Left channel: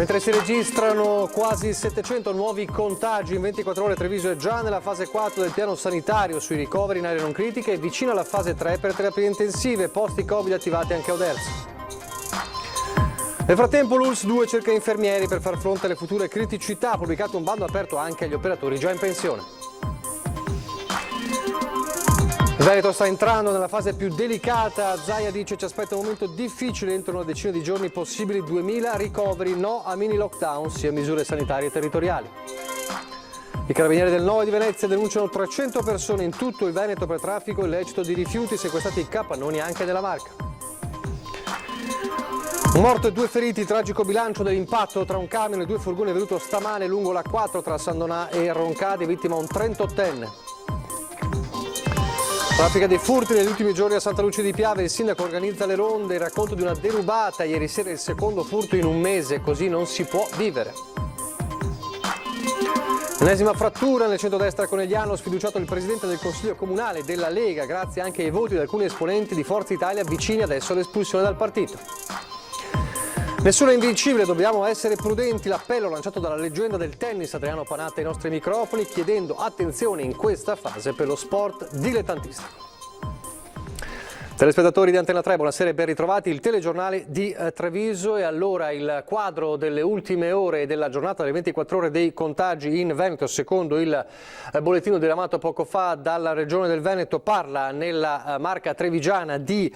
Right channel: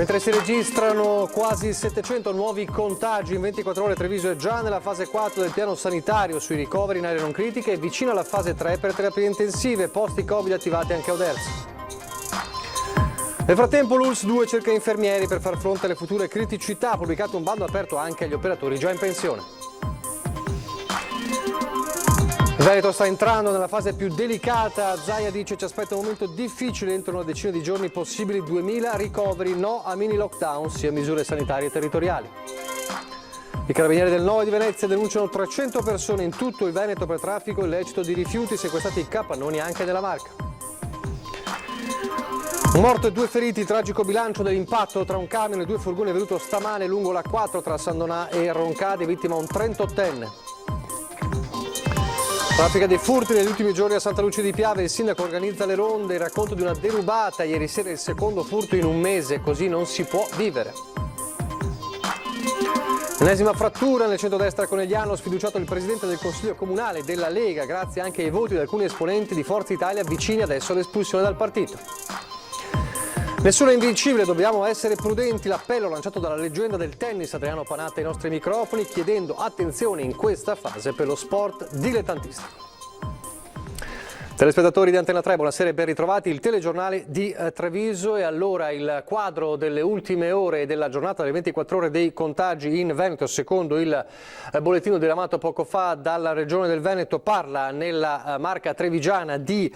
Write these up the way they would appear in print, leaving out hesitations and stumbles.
Mentre si registrano quasi 700 nuovi contagi in 24 ore, Treviso è già nella fase 4 del piano sanitario sui ricoveri in aree non critiche e vicino alla fase 3 per terapie intensive, posti Covid attivati anche a Oderzo. Nel frattempo l'ULSS 2 cerca infermieri per far fronte alle future criticità, ha pubblicato un bando aperto anche agli operatori già in pensione. Il Veneto sta entrando nella fase più delicata, Zaia dice ci aspetta un momento difficile entro una decina di giorni, possibili 2000 ricoveri, no a mini lockdown sia misure sanitarie territoriali. I carabinieri del Nord di Venezia denunciano 300 persone in tutto il Veneto per traffico illecito di rifiuti, sequestrati capannoni anche della Marca. Un morto e 2 feriti, tragico bilancio dell'impatto tra un camion e 2 furgoni venuto stamane lungo la 4 tra San Donà e Roncade, vittima un 38enne. Traffica dei furti negli ultimi giorni a Santa Lucia di Piave, il sindaco organizza le ronde, il racconto di una derubata, ieri sera il secondo furto in un mese, così non si può vivere. L'ennesima frattura nel centrodestra conegliano, sfiduciato il presidente del Consiglio Comunale della Lega, grazie anche ai voti di alcuni esponenti di Forza Italia vicini adesso all'espulsione dal partito. Nessuno è invincibile, dobbiamo essere prudenti, l'appello lanciato dalla leggenda del tennis Adriano Panatta ai nostri microfoni, chiedendo attenzione in questa fase per lo sport dilettantistico. Telespettatori di Antena 3, buonasera e ben ritrovati. Il telegiornale di Treviso e allora il quadro delle ultime ore della giornata delle 24 ore dei contagi in Veneto, secondo il bollettino diramato poco fa dalla Regione del Veneto, parla nella Marca trevigiana di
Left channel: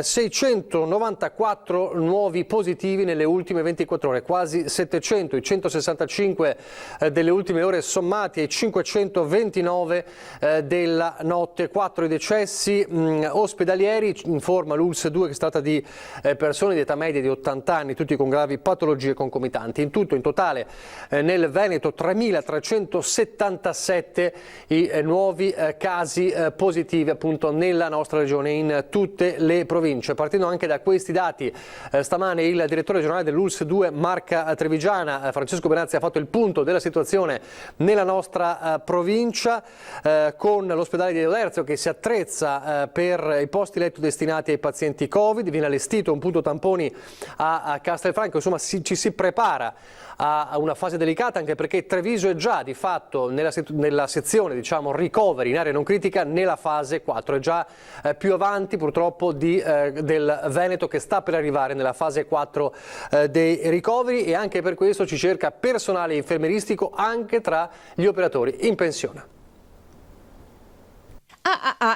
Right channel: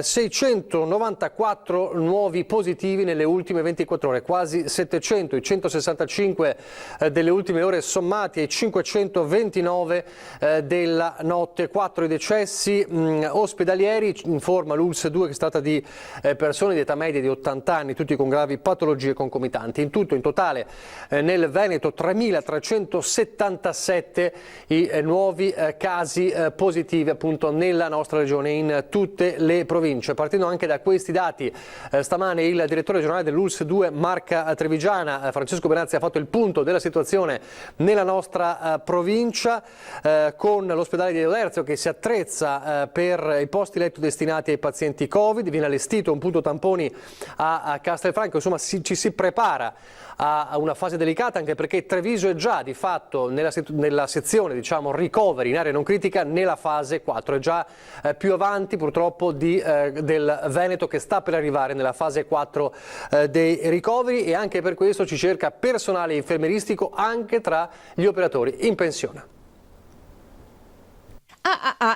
694 nuovi positivi nelle ultime 24 ore, quasi 700, i 165 delle ultime ore sommati ai 529 della notte, 4 i decessi ospedalieri. Informa l'ULSS 2 che si tratta di persone di età media di 80 anni, tutti con gravi patologie concomitanti. In tutto, in totale, nel Veneto 3.377 i nuovi casi positivi appunto nella nostra regione, in tutte le province. Partendo anche da questi dati, stamane il direttore generale dell'ULSS 2 Marca Trevigiana, Francesco Benazzi, ha fatto il punto della situazione nella nostra provincia, con l'ospedale di Oderzo che si attrezza per i posti letto destinati ai pazienti Covid, viene allestito un punto tamponi a Castelfranco, insomma ci si prepara a una fase delicata, anche perché Treviso è già di fatto nella sezione diciamo ricoveri in area non critica nella fase 4, è già più avanti purtroppo del Veneto che sta per arrivare nella fase 4 dei ricoveri, e anche per questo ci cerca personale infermieristico anche tra gli operatori in pensione.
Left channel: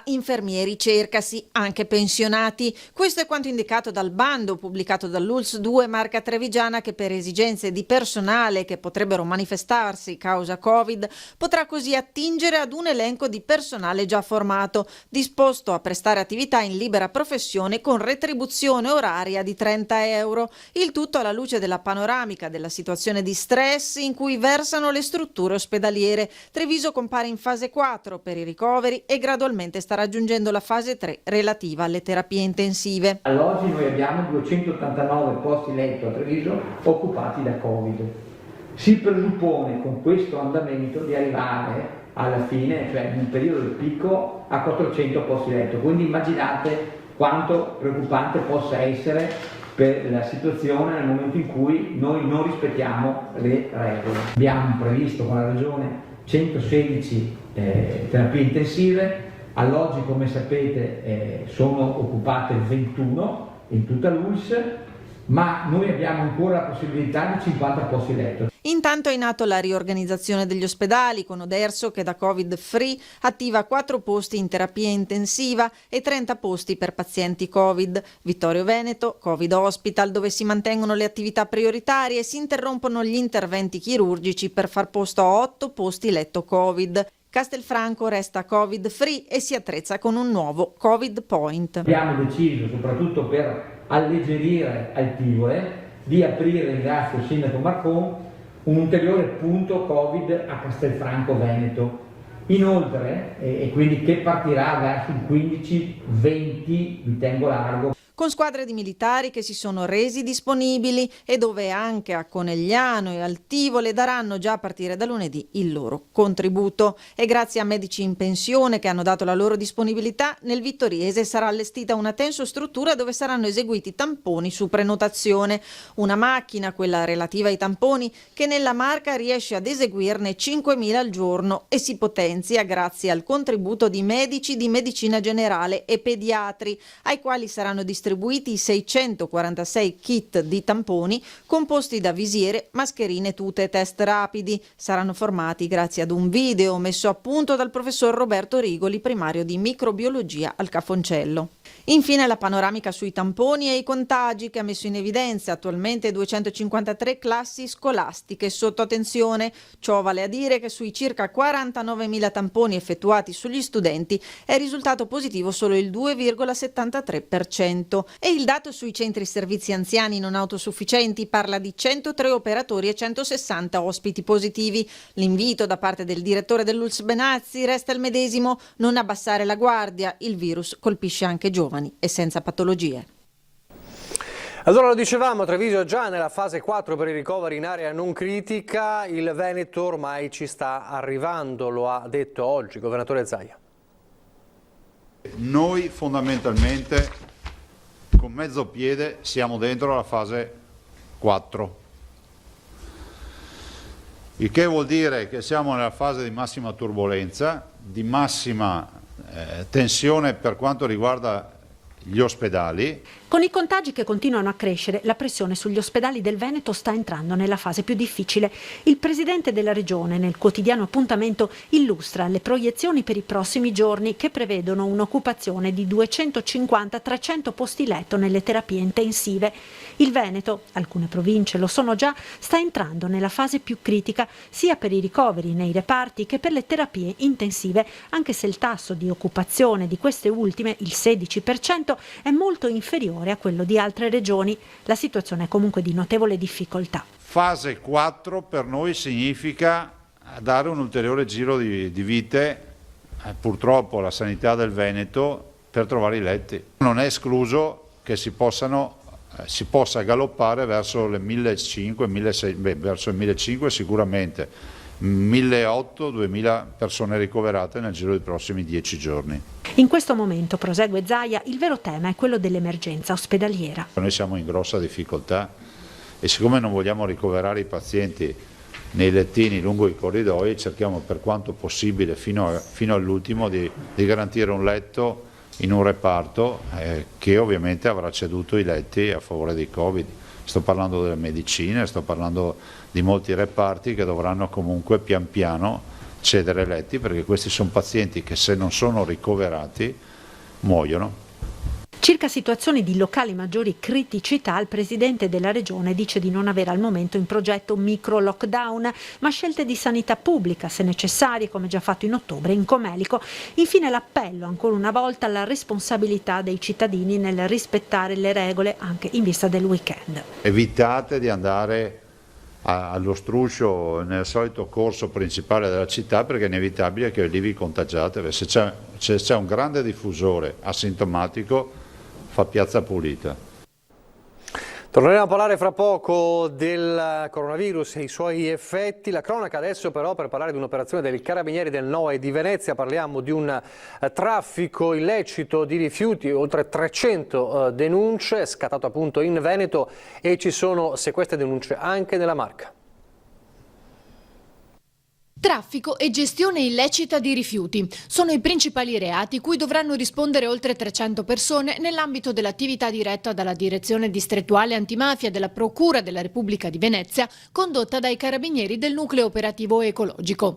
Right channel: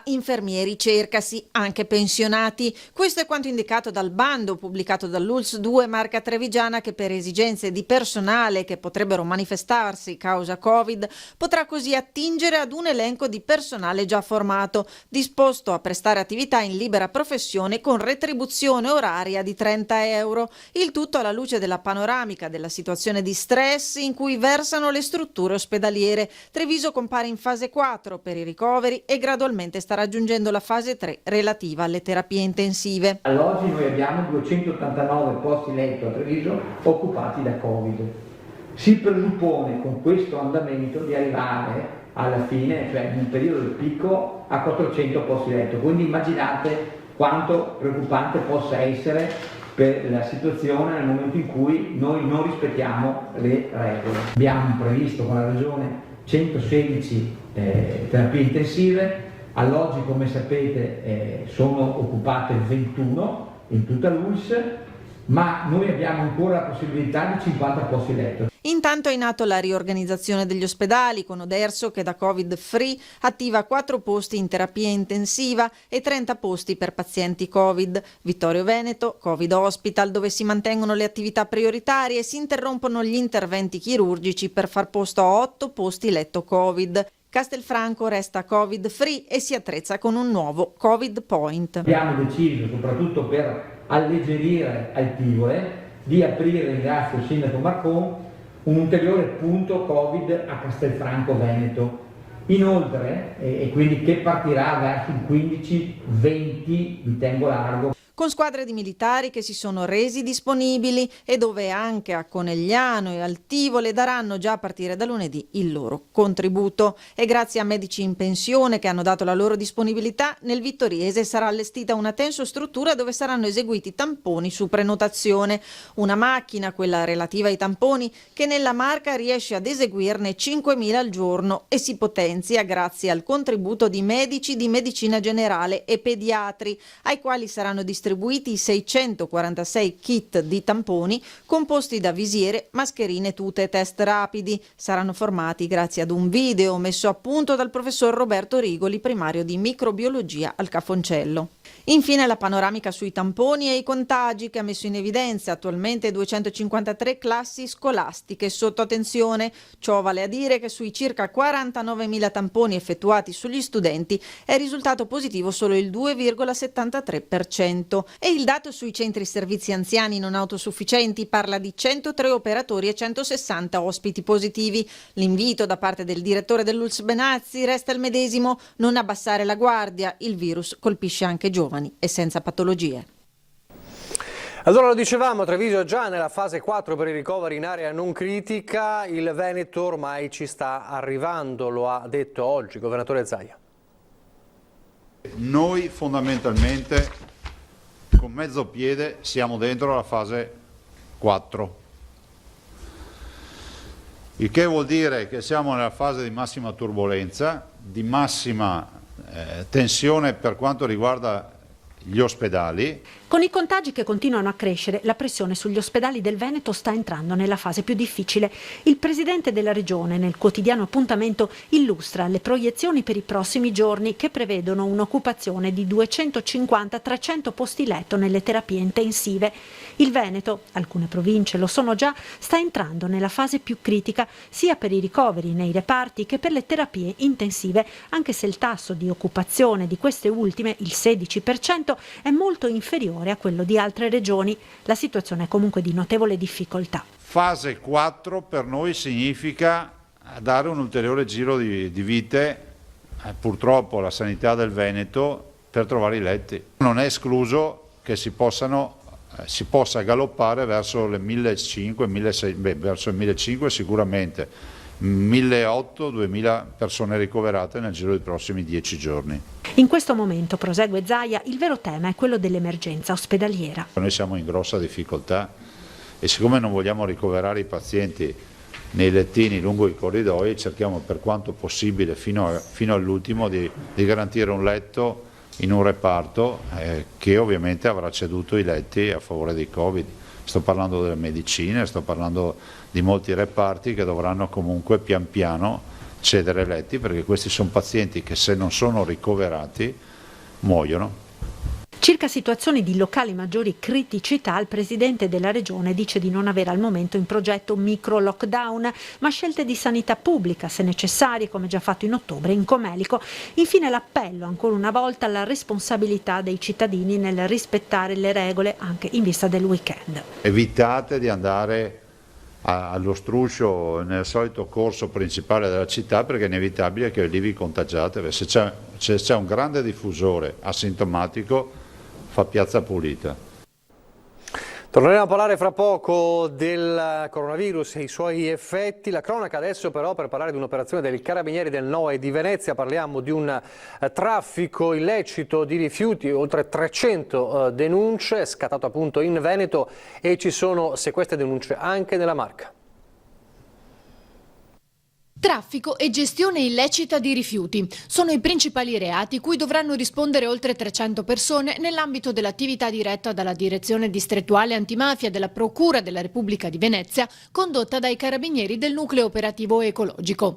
Infermieri cercasi, anche pensionati. Questo è quanto indicato dal bando pubblicato dall'ULSS 2 Marca Trevigiana, che per esigenze di personale che potrebbero manifestarsi causa Covid potrà così attingere ad un elenco di personale già formato, disposto a prestare attività in libera professione con retribuzione oraria di 30 euro. Il tutto alla luce della panoramica della situazione di stress in cui versano le strutture ospedaliere. Treviso compare in fase 4 per i ricoveri e gradualmente sta raggiungendo la fase 3 relativa alle terapie intensive. All'oggi noi abbiamo 289 posti letto a Treviso occupati da Covid. Si presuppone con questo andamento di arrivare alla fine, cioè in un periodo di picco, a 400 posti letto. Quindi immaginate quanto preoccupante possa essere per la situazione nel momento in cui noi non rispettiamo le regole. Abbiamo previsto con la Regione 116 terapie intensive. All'oggi, come sapete, sono occupate 21 in tutta l'ULSS, ma noi abbiamo ancora la possibilità di 50 posti letto. Intanto è in atto la riorganizzazione degli ospedali, con Oderzo che da Covid-free attiva 4 posti in terapia intensiva e 30 posti per pazienti Covid. Vittorio Veneto, Covid Hospital, dove si mantengono le attività prioritarie e si interrompono gli interventi chirurgici per far posto a 8 posti letto Covid. Castelfranco resta Covid-free e si attrezza con un nuovo Covid Point. Abbiamo deciso, soprattutto per alleggerire Alpivole, di aprire, ringrazio il sindaco Marcon, un ulteriore punto Covid a Castelfranco Veneto. Inoltre, e quindi che partirà verso il 15-20 di Tempo Largo. con squadre di militari che si sono resi disponibili e dove anche a Conegliano e al Tivole daranno già a partire da lunedì il loro contributo. E grazie a medici in pensione che hanno dato la loro disponibilità, nel Vittoriese sarà allestita una tensostruttura dove saranno eseguiti tamponi su prenotazione. Una macchina, quella relativa ai tamponi, che nella Marca riesce ad eseguirne 5.000 al giorno e si potenzia grazie al contributo di medici di medicina generale e pediatri, ai quali saranno distribuiti 646 kit di tamponi composti da visiere, mascherine, tute e test rapidi. Saranno formati grazie ad un video messo a punto dal professor Roberto Rigoli, primario di microbiologia al Cafoncello. Infine la panoramica sui tamponi e i contagi che ha messo in evidenza attualmente 253 classi scolastiche sotto tensione. Ciò vale a dire che sui circa 49.000 tamponi effettuati sugli studenti è risultato positivo solo il 2,73%. E il dato sui centri servizi anziani non autosufficienti parla di 103 operatori e 160 ospiti positivi. L'invito da parte del direttore dell'ULSS Benazzi resta il medesimo: non abbassare la guardia, il virus colpisce anche giovani e senza patologie. Allora lo dicevamo, Treviso è già nella fase 4 per i ricoveri in area non critica, il Veneto ormai ci sta arrivando, lo ha detto oggi il governatore Zaia. Noi fondamentalmente con mezzo piede siamo dentro la fase 4, il che vuol dire che siamo nella fase di massima turbolenza, di massima tensione per quanto riguarda gli ospedali. Con i contagi che continuano a crescere, la pressione sugli ospedali del Veneto sta entrando nella fase più difficile. Il presidente della regione nel quotidiano Appuntamento illustra le proiezioni per i prossimi giorni che prevedono un'occupazione di 250-300 posti letto nelle terapie intensive. Il Veneto, alcune province lo sono già, sta entrando nella fase più critica sia per i ricoveri nei reparti che per le terapie intensive, anche se il tasso di occupazione di queste ultime, il 16%, è molto inferiore a quello di altre regioni. La situazione è comunque di notevole difficoltà. Fase 4 per noi significa dare un ulteriore giro di vite, purtroppo, alla sanità del Veneto per trovare i letti. Non è escluso che si possa galoppare verso le 1.500, verso il 1.500 sicuramente, 1.800-2.000 persone ricoverate nel giro dei prossimi 10 giorni. In questo momento, prosegue Zaia, il vero tema è quello dell'emergenza ospedaliera. Noi siamo in grossa difficoltà e siccome non vogliamo ricoverare i pazienti nei lettini lungo i corridoi, cerchiamo per quanto possibile fino all'ultimo di garantire un letto in un reparto che ovviamente avrà ceduto i letti a favore di Covid. Sto parlando delle medicine, sto parlando di molti reparti che dovranno comunque pian piano cedere letti, perché questi sono pazienti che se non sono ricoverati muoiono. Circa situazioni di locali maggiori criticità, il presidente della regione dice di non avere al momento in progetto micro lockdown, ma scelte di sanità pubblica, se necessarie, come già fatto in ottobre in Comelico. Infine l'appello ancora una volta alla responsabilità dei cittadini nel rispettare le regole anche in vista del weekend. Evitate di andare allo struscio nel solito corso principale della città, perché è inevitabile che lì vi contagiate. Se c'è un grande diffusore asintomatico, fa piazza pulita. Torneremo a parlare fra poco del coronavirus e i suoi effetti. La cronaca adesso però per parlare di un'operazione del Carabinieri del NOE di Venezia. Parliamo di un traffico illecito di rifiuti, oltre 300 denunce, scattato appunto in Veneto, e ci sono, se queste denunce, anche nella Marca. Traffico e gestione illecita di rifiuti sono i principali reati cui dovranno rispondere oltre 300 persone nell'ambito dell'attività diretta dalla Direzione Distrettuale Antimafia della Procura della Repubblica di Venezia, condotta dai Carabinieri del Nucleo Operativo Ecologico.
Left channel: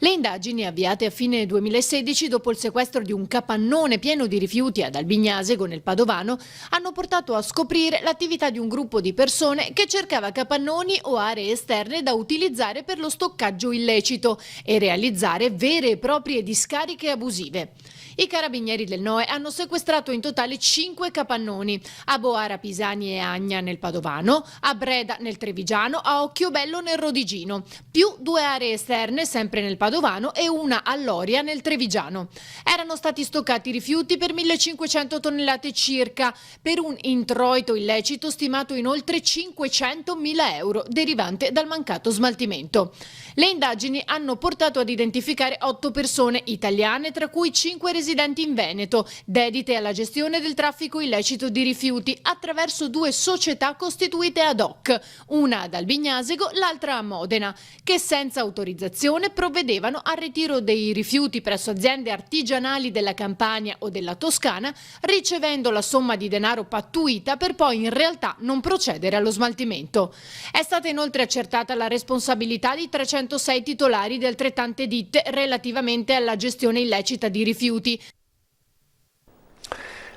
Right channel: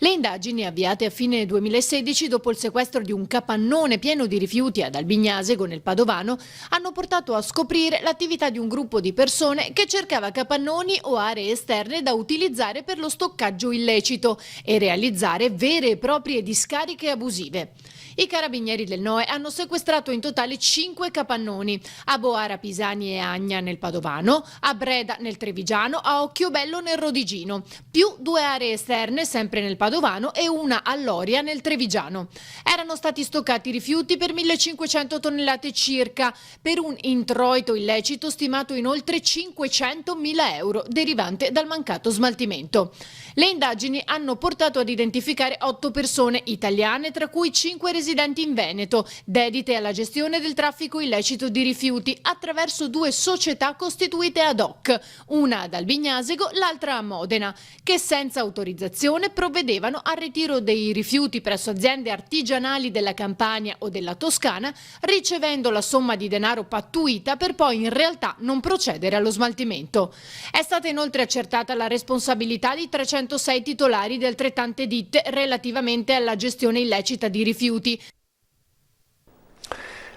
Le indagini, avviate a fine 2016 dopo il sequestro di un capannone pieno di rifiuti ad Albignasego nel Padovano, hanno portato a scoprire l'attività di un gruppo di persone che cercava capannoni o aree esterne da utilizzare per lo stoccaggio illecito, e realizzare vere e proprie discariche abusive. I carabinieri del NOE hanno sequestrato in totale 5 capannoni, a Boara Pisani e Agna nel Padovano, a Breda nel Trevigiano, a Occhiobello nel Rodigino, più 2 aree esterne sempre nel Padovano e una a Loria nel Trevigiano. Erano stati stoccati rifiuti per 1.500 tonnellate circa, per un introito illecito stimato in oltre 500.000 euro derivante dal mancato smaltimento. Le indagini hanno portato ad identificare 8 persone italiane, tra cui 5 residenti in Veneto, dedite alla gestione del traffico illecito di rifiuti attraverso 2 società costituite ad hoc, una ad Albignasego, l'altra a Modena, che senza autorizzazione provvedevano al ritiro dei rifiuti presso aziende artigianali della Campania o della Toscana, ricevendo la somma di denaro pattuita per poi in realtà non procedere allo smaltimento. È stata inoltre accertata la responsabilità di 306 titolari di altrettante ditte relativamente alla gestione illecita di rifiuti.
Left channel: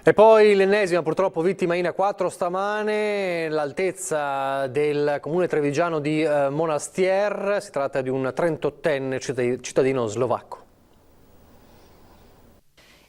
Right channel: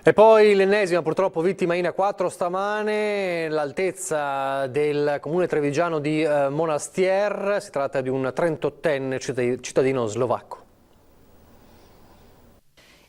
E poi l'ennesima purtroppo vittima in A4 stamane, l'altezza del comune trevigiano di Monastier, si tratta di un 38enne cittadino slovacco.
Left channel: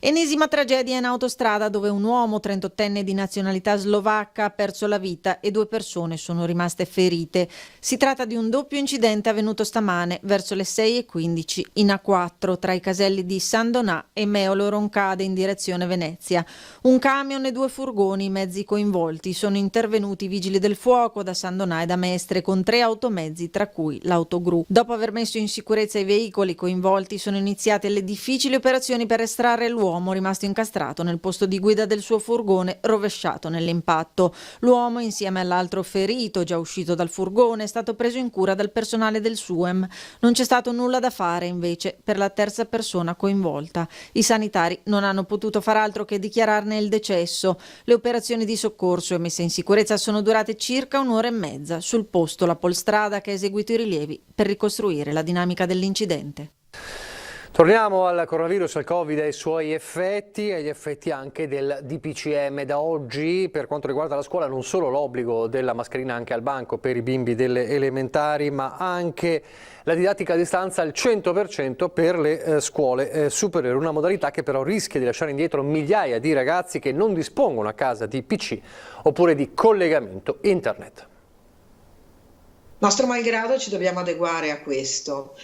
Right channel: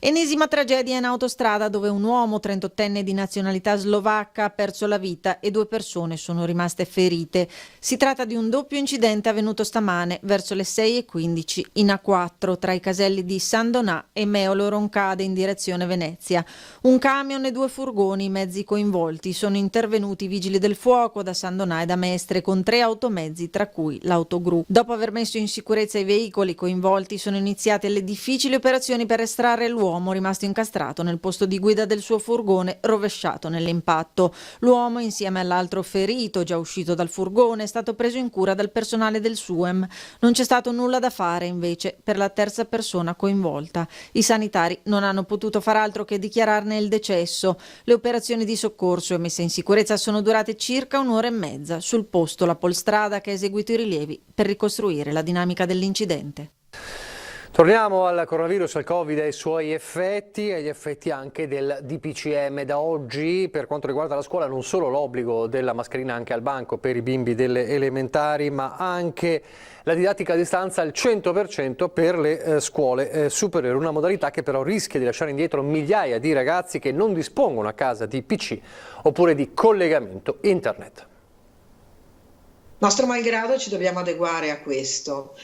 Ennesima tragedia in autostrada dove un uomo 38enne di nazionalità slovacca ha perso la vita e 2 persone sono rimaste ferite. Si tratta di un doppio incidente avvenuto stamane verso le 6:15 in A4 tra i caselli di San Donà e Meolo Roncade in direzione Venezia. Un camion e 2 furgoni, i mezzi coinvolti. Sono intervenuti i vigili del fuoco da San Donà e da Mestre con 3 automezzi, tra cui l'autogru. Dopo aver messo in sicurezza i veicoli coinvolti sono iniziate le difficili operazioni per estrarre l'uomo rimasto incastrato nel posto di guida del suo furgone rovesciato nell'impatto. L'uomo, insieme all'altro ferito già uscito dal furgone, è stato preso in cura dal personale del SUEM. Non c'è stato nulla da fare invece per la terza persona coinvolta. I sanitari non hanno potuto far altro che dichiararne il decesso. Le operazioni di soccorso e messa in sicurezza sono durate circa 1 ora e mezza. Sul posto la Polstrada che ha eseguito i rilievi per ricostruire la dinamica dell'incidente. Torniamo al coronavirus, al Covid e ai suoi effetti e agli effetti anche del DPCM. Da oggi, per quanto riguarda la scuola, non solo l'obbligo della mascherina anche al banco per i bimbi delle elementari, ma anche la didattica a distanza al 100% per le scuole superiori, una modalità che però rischia di lasciare indietro migliaia di ragazzi che non dispongono a casa di PC oppure di collegamento internet. Nostro malgrado ci dobbiamo adeguare a questo.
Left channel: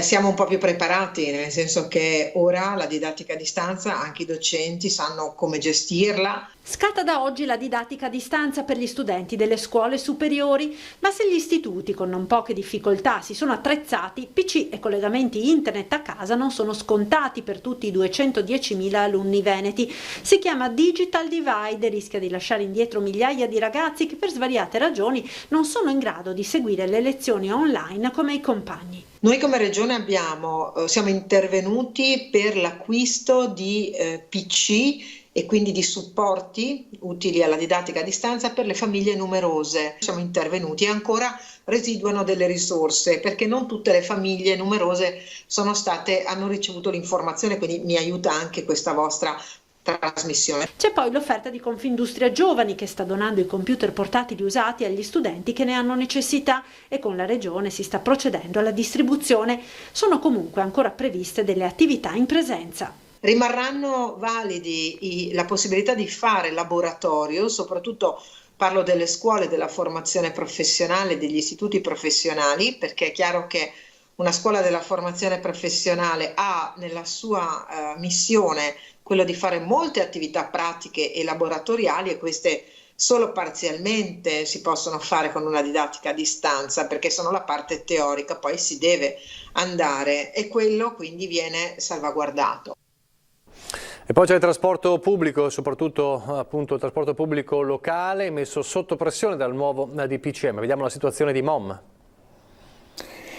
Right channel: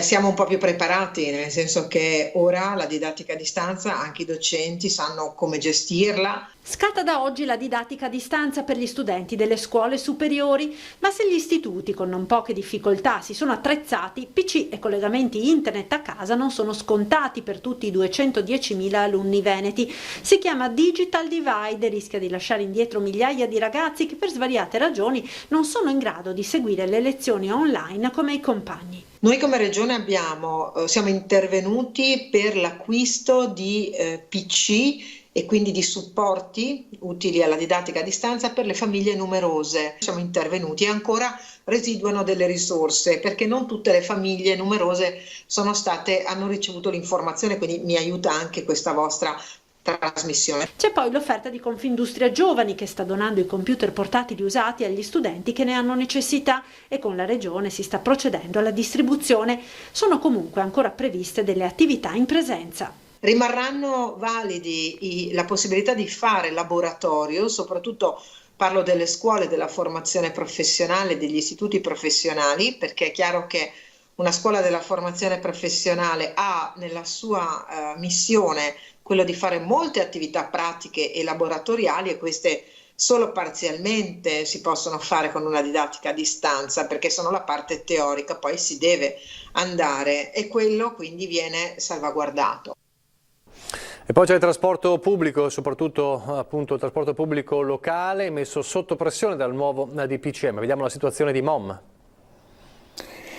Siamo un po' più preparati, nel senso che ora la didattica a distanza, anche i docenti sanno come gestirla. Scatta da oggi la didattica a distanza per gli studenti delle scuole superiori, ma se gli istituti con non poche difficoltà si sono attrezzati, PC e collegamenti internet a casa non sono scontati per tutti i 210.000 alunni veneti. Si chiama Digital Divide e rischia di lasciare indietro migliaia di ragazzi che per svariate ragioni non sono in grado di seguire le lezioni online come i compagni. Noi come Regione siamo intervenuti per l'acquisto di PC e quindi di supporti utili alla didattica a distanza per le famiglie numerose. Siamo intervenuti e ancora residuano delle risorse perché non tutte le famiglie numerose hanno ricevuto l'informazione, quindi mi aiuta anche questa vostra trasmissione. C'è poi l'offerta di Confindustria Giovani che sta donando i computer portatili usati agli studenti che ne hanno necessità e con la Regione si sta procedendo alla distribuzione. Sono comunque ancora previste delle attività in presenza. Rimarranno validi la possibilità di fare laboratorio, soprattutto parlo delle scuole della formazione professionale, degli istituti professionali, perché è chiaro che una scuola della formazione professionale ha nella sua missione quello di fare molte attività pratiche e laboratoriali e queste solo parzialmente si possono fare con una didattica a distanza perché sono la parte teorica, poi si deve andare e quello quindi viene salvaguardato. E poi c'è il trasporto pubblico, soprattutto appunto il trasporto pubblico locale, messo sotto pressione dal nuovo DPCM. Vediamo la situazione di Mom.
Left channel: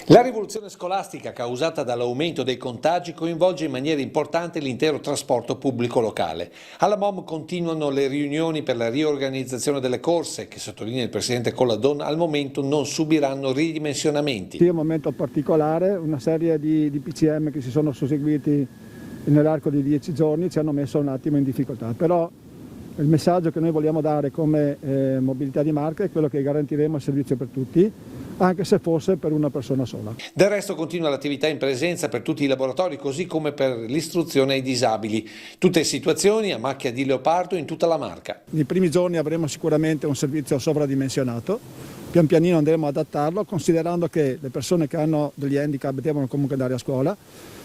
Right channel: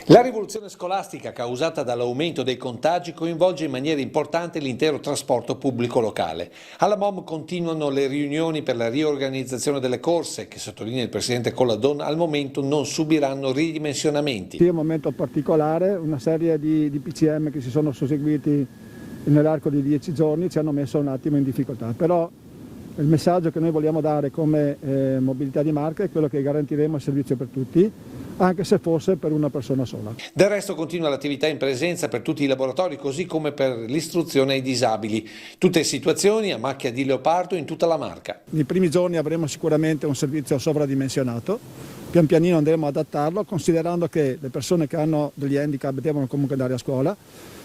La rivoluzione scolastica causata dall'aumento dei contagi coinvolge in maniera importante l'intero trasporto pubblico locale. Alla MOM continuano le riunioni per la riorganizzazione delle corse che, sottolinea il presidente Colladon, al momento non subiranno ridimensionamenti. È un momento particolare, una serie di DPCM che si sono susseguiti nell'arco di 10 giorni ci hanno messo un attimo in difficoltà, però il messaggio che noi vogliamo dare come mobilità di marca è quello che garantiremo il servizio per tutti. anche se fosse per una persona sola. Del resto continua l'attività in presenza per tutti i laboratori, così come per l'istruzione ai disabili. Tutte situazioni a macchia di leopardo in tutta la Marca. Nei primi giorni avremo sicuramente un servizio sovradimensionato, pian pianino andremo ad adattarlo, considerando che le persone che hanno degli handicap devono comunque andare a scuola,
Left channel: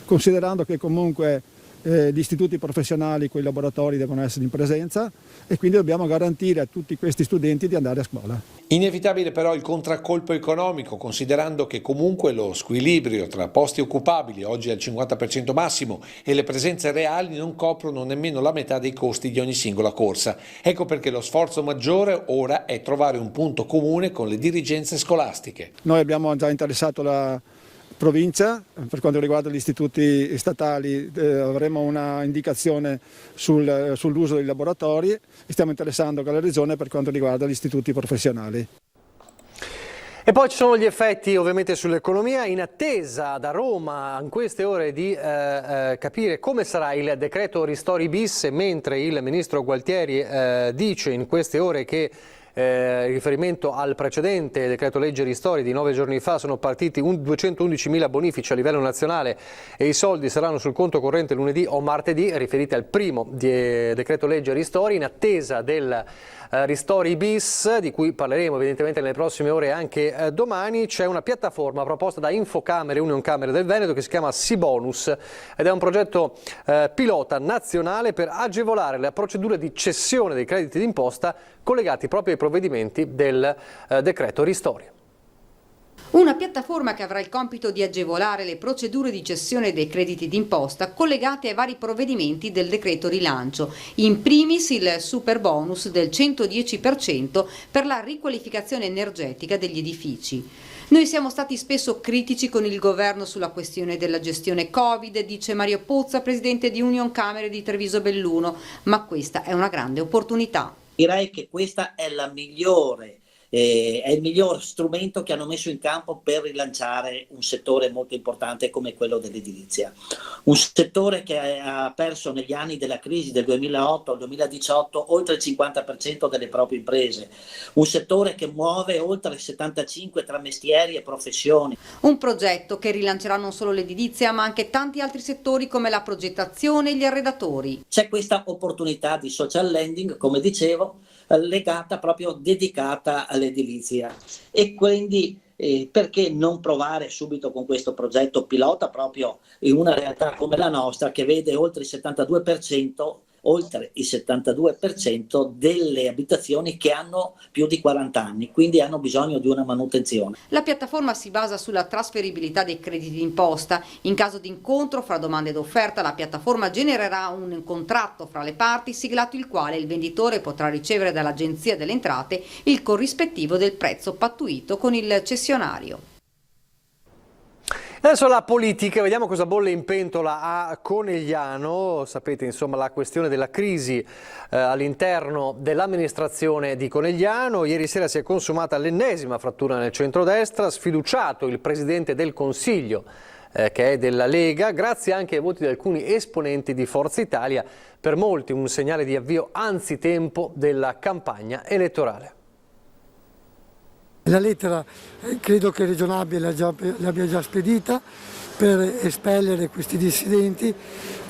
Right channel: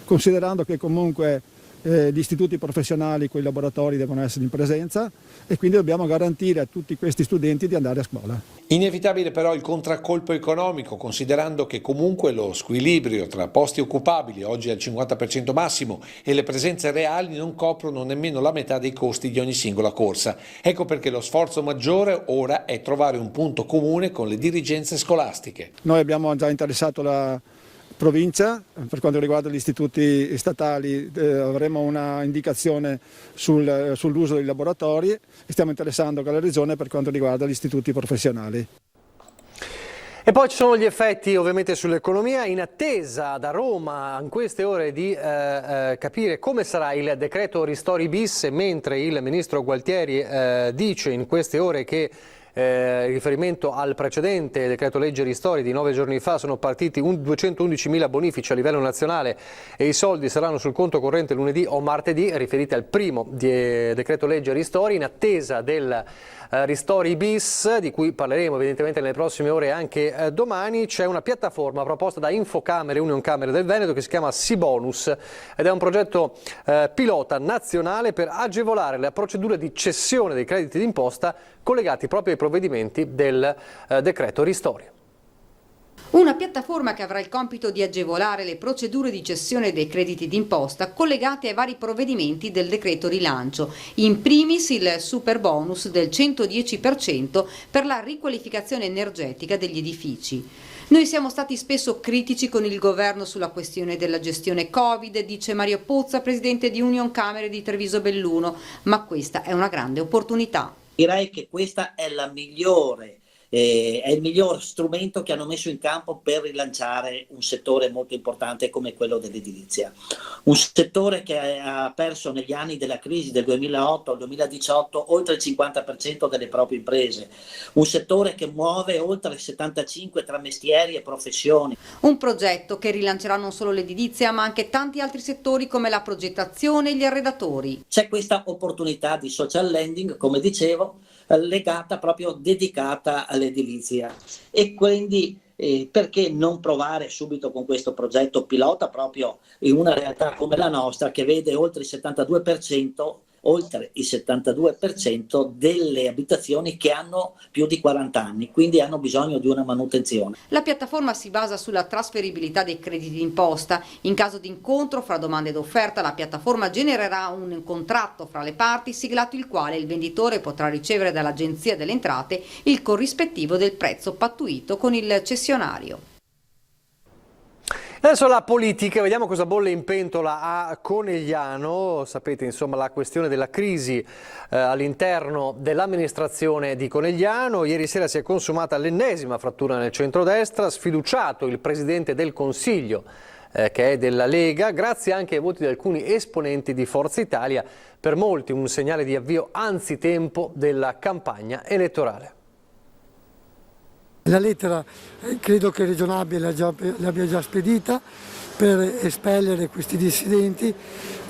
considerando che comunque gli istituti professionali, quei laboratori devono essere in presenza e quindi dobbiamo garantire a tutti questi studenti di andare a scuola. Inevitabile però il contraccolpo economico, considerando che comunque lo squilibrio tra posti occupabili, oggi al 50% massimo, e le presenze reali non coprono nemmeno la metà dei costi di ogni singola corsa. Ecco perché lo sforzo maggiore ora è trovare un punto comune con le dirigenze scolastiche. Noi abbiamo già interessato la provincia, per quanto riguarda gli istituti statali avremo una indicazione sull'uso dei laboratori e stiamo interessando anche la regione per quanto riguarda gli istituti professionali. E poi ci sono gli effetti ovviamente sull'economia, in attesa da Roma in queste ore di capire come sarà il decreto ristori bis, mentre il ministro Gualtieri dice in queste ore che in riferimento al precedente decreto legge ristori di 9 giorni fa sono partiti 211.000 bonifici a livello nazionale e i soldi saranno sul conto corrente lunedì o martedì, riferiti al primo decreto legge ristori, in attesa del ristori bis, di cui parleremo evidentemente nelle prossime ore e anche domani. C'è una piattaforma proposta da Infocamere e Unioncamere del Veneto che si chiama SiBonus ed è un progetto pilota nazionale per agevolare la procedura di cessione dei crediti d'imposta collegati proprio ai provvedimenti del decreto ristori. Una piattaforma che avrà il compito di agevolare le procedure di cessione dei crediti d'imposta collegate ai vari provvedimenti del decreto rilancio, in primis il super bonus del 110% per la riqualificazione energetica degli edifici. Noi siamo stati spesso critici con il governo sulla questione della gestione Covid, dice Mario Puzza, presidente di Unioncamere di Treviso Belluno, ma questa è una grande opportunità. Direi che questa è è il miglior strumento che hanno messo in campo per rilanciare un settore molto importante come quello dell'edilizia. Un settore che ha perso negli anni della crisi del 2008 al 2018 oltre il 50% delle proprie imprese. Un settore che muove oltre 75 tra mestieri e professioni. Un progetto che rilancerà non solo l'edilizia ma anche tanti altri settori come la progettazione e gli arredatori. C'è questa opportunità di social lending, come dicevo, dedicata all'edilizia e quindi perché non provare subito con questo progetto pilota proprio in una realtà come la nostra che vede oltre il 72% delle abitazioni che hanno più di 40 anni, quindi hanno bisogno di una manutenzione. La piattaforma si basa sulla trasferibilità dei crediti d'imposta. In caso di incontro fra domanda ed offerta, la piattaforma genererà un contratto fra le parti, siglato il quale il venditore potrà ricevere dall'Agenzia delle Entrate il corrispettivo del prezzo pattuito con il cessionario. Adesso la politica, vediamo cosa bolle in pentola a Conegliano. Sapete insomma la questione della crisi all'interno dell'amministrazione di Conegliano. Ieri sera si è consumata l'ennesima frattura nel centrodestra, sfiduciato il Presidente del Consiglio che è della Lega, grazie anche ai voti di alcuni esponenti di Forza Italia, per molti un segnale di avvio anzitempo della campagna elettorale. La lettera credo che Regionabile l'abbia già spedita per espellere questi dissidenti,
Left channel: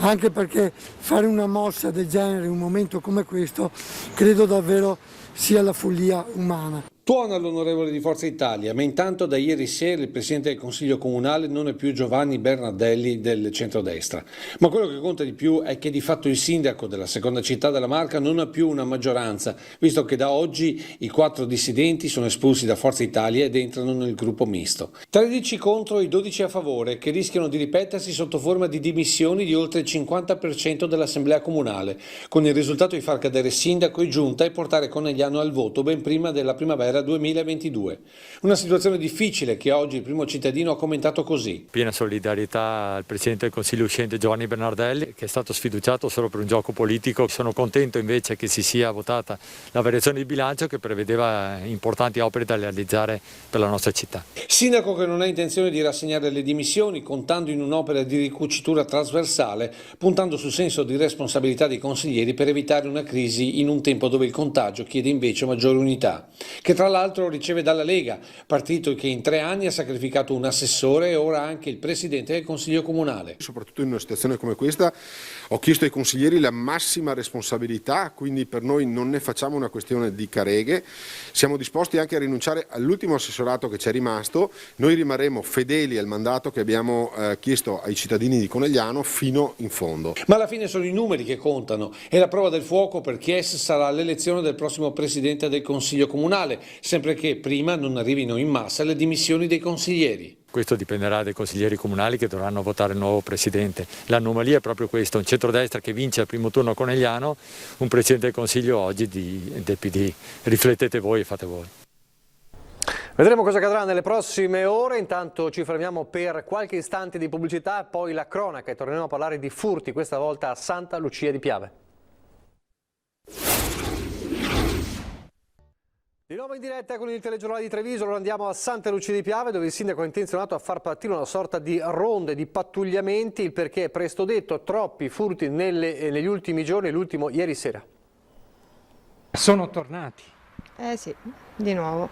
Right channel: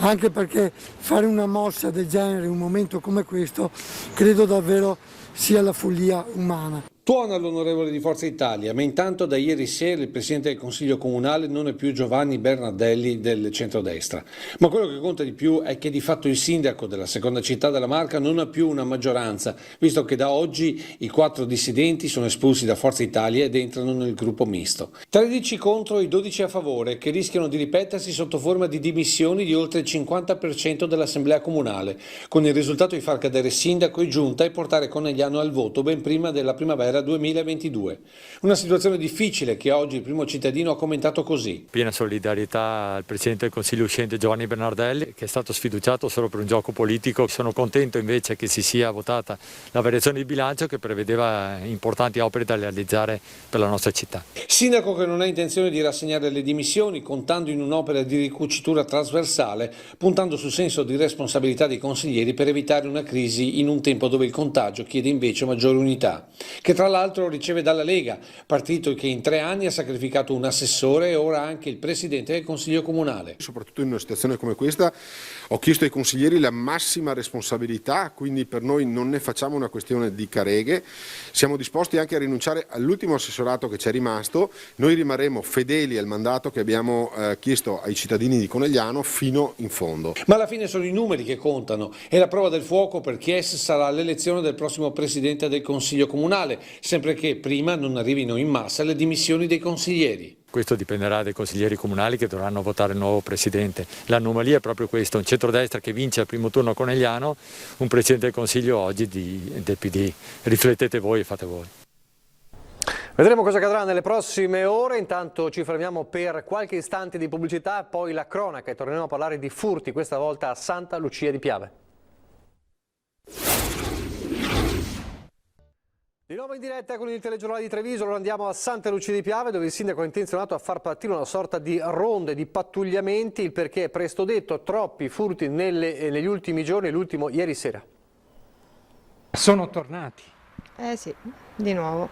anche perché fare una mossa del genere in un momento come questo credo davvero sia la follia umana. Tuona l'onorevole di Forza Italia, ma intanto da ieri sera il Presidente del Consiglio Comunale non è più Giovanni Bernardelli del centrodestra. Ma quello che conta di più è che di fatto il sindaco della seconda città della Marca non ha più una maggioranza, visto che da oggi i 4 dissidenti sono espulsi da Forza Italia ed entrano nel gruppo misto. 13 contro i 12 a favore, che rischiano di ripetersi sotto forma di dimissioni di oltre il 50% dell'Assemblea Comunale, con il risultato di far cadere sindaco e giunta e portare Conegliano al voto ben prima della primavera 2022. Una situazione difficile che oggi il primo cittadino ha commentato così. Piena solidarietà al Presidente del Consiglio uscente Giovanni Bernardelli, che è stato sfiduciato solo per un gioco politico. Sono contento invece che si sia votata la variazione di bilancio che prevedeva importanti opere da realizzare per la nostra città. Sindaco che non ha intenzione di rassegnare le dimissioni, contando in un'opera di ricucitura trasversale, puntando sul senso di responsabilità dei consiglieri per evitare una crisi in un tempo dove il contagio chiede invece maggiore unità, che Tra l'altro riceve dalla Lega, partito che in 3 anni ha sacrificato un assessore e ora anche il presidente del Consiglio Comunale. Soprattutto in una situazione come questa ho chiesto ai consiglieri la massima responsabilità, quindi per noi non ne facciamo una questione di careghe, siamo disposti anche a rinunciare all'ultimo assessorato che ci è rimasto, noi rimarremo fedeli al mandato che abbiamo chiesto ai cittadini di Conegliano fino in fondo. Ma alla fine sono i numeri che contano e la prova del fuoco per Chies sarà l'elezione del prossimo presidente del Consiglio Comunale, sempre che prima non arrivino in massa le dimissioni dei consiglieri. Questo dipenderà dai consiglieri comunali che dovranno votare il nuovo presidente. L'anomalia è proprio questo, un centrodestra che vince al primo turno a Conegliano, un presidente del Consiglio oggi del PD. Riflettete voi e fate voi. Vedremo cosa accadrà nelle prossime ore, intanto ci fermiamo per qualche istante di pubblicità, poi la cronaca e torneremo a parlare di furti, questa volta a Santa Lucia di Piave. Di nuovo in diretta con il telegiornale di Treviso, ora andiamo a Santa Lucia di Piave dove il sindaco è intenzionato a far partire una sorta di ronde, di pattugliamenti, il perché è presto detto, troppi furti negli ultimi giorni, l'ultimo ieri sera. Sono tornati. Sì, di nuovo,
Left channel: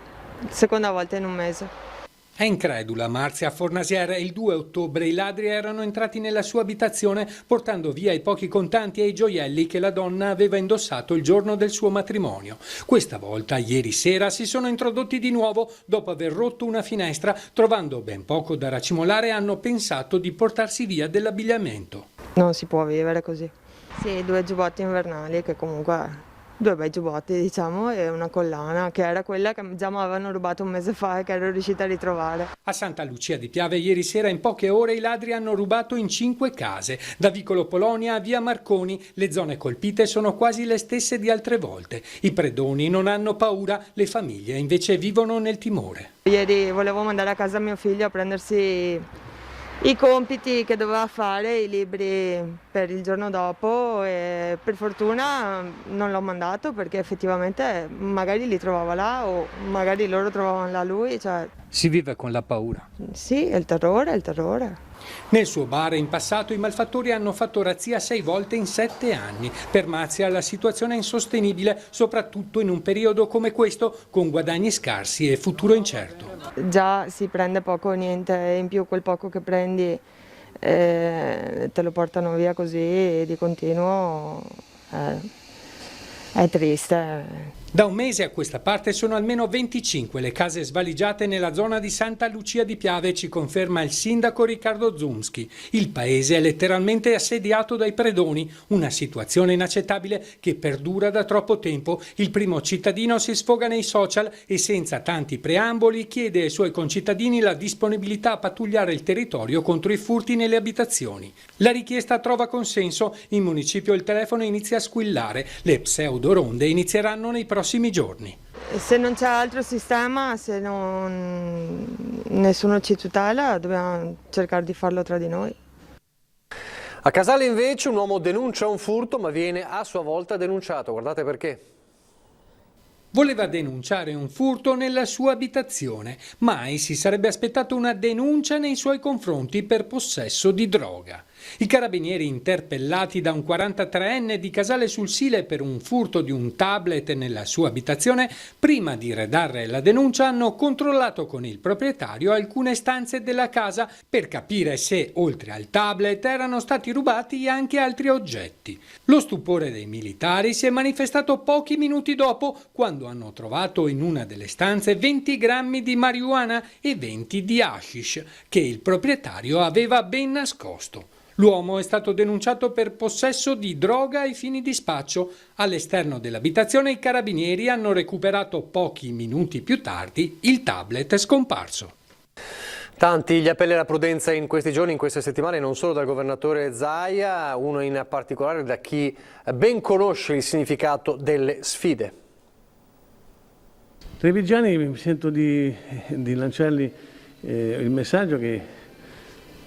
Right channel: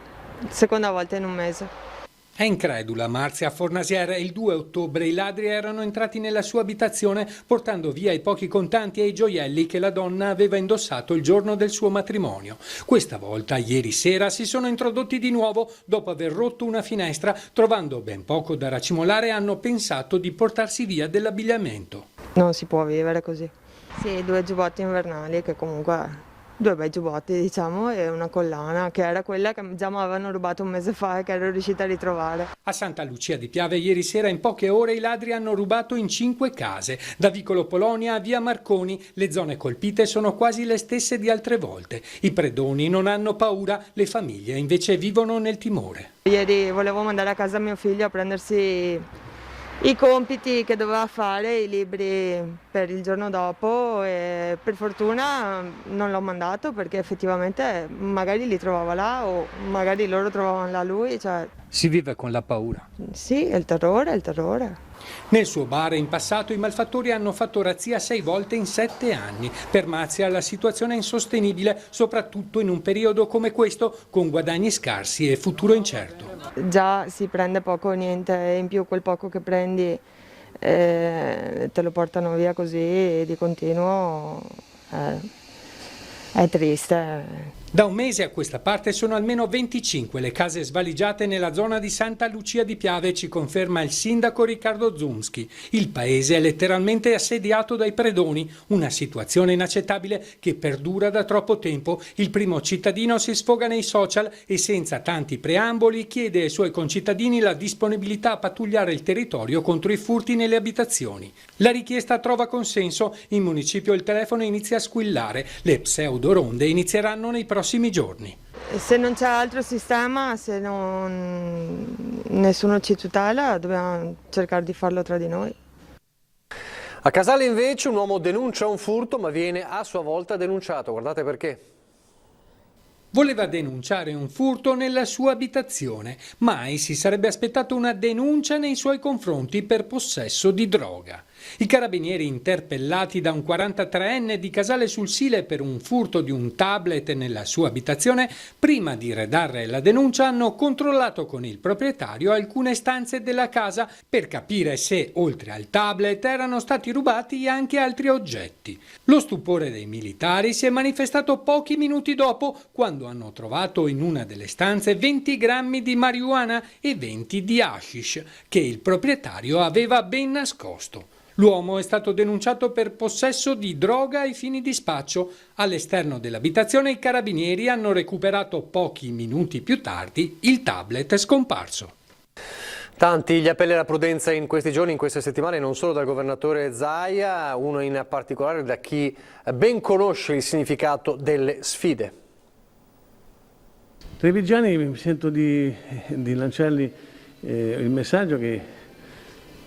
seconda volta in un mese. È incredula Marzia Fornasier. Il 2 ottobre i ladri erano entrati nella sua abitazione portando via i pochi contanti e i gioielli che la donna aveva indossato il giorno del suo matrimonio. Questa volta, ieri sera, si sono introdotti di nuovo dopo aver rotto una finestra. Trovando ben poco da racimolare, hanno pensato di portarsi via dell'abbigliamento. Non si può vivere così. Sì, 2 giubbotti invernali che comunque... 2 bei giubbotti, diciamo, e una collana, che era quella che già mi avevano rubato un mese fa e che ero riuscita a ritrovare. A Santa Lucia di Piave ieri sera in poche ore i ladri hanno rubato in 5 case. Da Vicolo Polonia a via Marconi le zone colpite sono quasi le stesse di altre volte. I predoni non hanno paura, le famiglie invece vivono nel timore. Ieri volevo mandare a casa mio figlio a prendersi i compiti che doveva fare, i libri per il giorno dopo, e per fortuna non l'ho mandato perché effettivamente magari li trovava là o magari loro trovavano là lui. Si vive con la paura. Sì, è il terrore. Nel suo bar in passato i malfattori hanno fatto razzia 6 volte in 7 anni. Per Marzia la situazione è insostenibile, soprattutto in un periodo come questo, con guadagni scarsi e futuro incerto. Già si prende poco o niente, in più quel poco che prendi te lo portano via così di continuo, è triste. Da un mese a questa parte sono almeno 25 le case svaligiate nella zona di Santa Lucia di Piave, ci conferma il sindaco Riccardo Zumski. Il paese è letteralmente assediato dai predoni, una situazione inaccettabile che perdura da troppo tempo. Il primo cittadino si sfoga nei social e senza tanti preamboli chiede ai suoi concittadini la disponibilità a pattugliare il territorio contro i furti nelle abitazioni. La richiesta trova consenso, in municipio il telefono inizia a squillare, le pseudo-ronde inizieranno nei prossimi giorni. Se non c'è altro sistema, se nessuno ci tutela, dobbiamo cercare di farlo tra di noi. A Casale invece un uomo denuncia un furto ma viene a sua volta denunciato, guardate perché. Voleva denunciare un furto nella sua abitazione, mai si sarebbe aspettato una denuncia nei suoi confronti per possesso di droga. I carabinieri interpellati da un 43enne di Casale sul Sile per un furto di un tablet nella sua abitazione, prima di redarre la denuncia hanno controllato con il proprietario alcune stanze della casa per capire se, oltre al tablet, erano stati rubati anche altri oggetti. Lo stupore dei militari si è manifestato pochi minuti dopo, quando hanno trovato in una delle stanze 20 grammi di marijuana e 20 di hashish, che il proprietario aveva ben nascosto. L'uomo è stato denunciato per possesso di droga ai fini di spaccio. All'esterno dell'abitazione i carabinieri hanno recuperato pochi minuti più tardi il tablet scomparso. Tanti gli appelli alla prudenza in questi giorni, in queste settimane, non solo dal governatore Zaia, uno in particolare da chi ben conosce il significato delle sfide. Trevigiani, mi sento di lanciargli il messaggio che